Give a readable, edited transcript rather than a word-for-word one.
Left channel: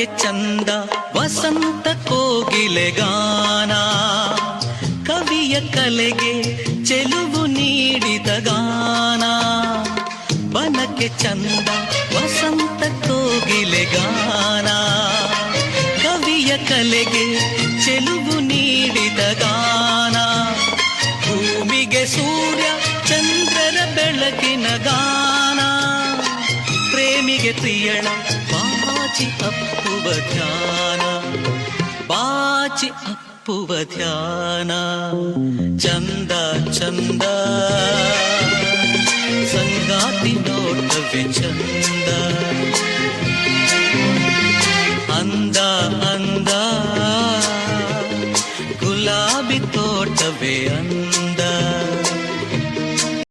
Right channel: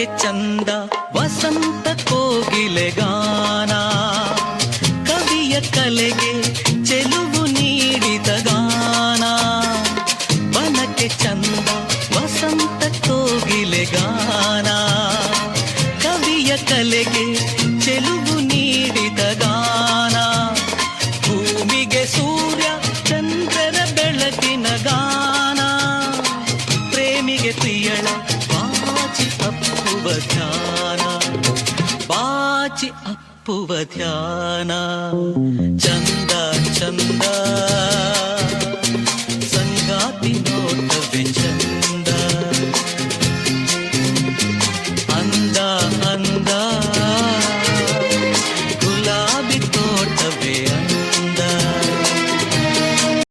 ಬನಕ್ಕೆ ಚಂದ ವಸಂತ ಕೋಗಿಲೆಗಾನ, ಕವಿಯ ಕಲೆಗೆ ಚೆಲುವು ನೀಡಿದ ಗಾನ. ಬನಕ್ಕೆ ಚಂದ ವಸಂತ ಕೋಗಿಲೆಗಾನ, ಕವಿಯ ಕಲೆಗೆ ಚೆಲುವು ನೀಡಿದ ಗಾನ. ಭೂಮಿಗೆ ಸೂರ್ಯ ಚಂದ್ರರ ಬೆಳಕಿನ ಗಾನ, ಪ್ರೇಮಿಗೆ ಪ್ರಿಯಳ ಬಾಚಿ ಅಪ್ಪುವ ಧ್ಯಾನ, ಬಾಚಿ ಅಪ್ಪುವ ಧ್ಯಾನ. ಚಂದ ಚಂದ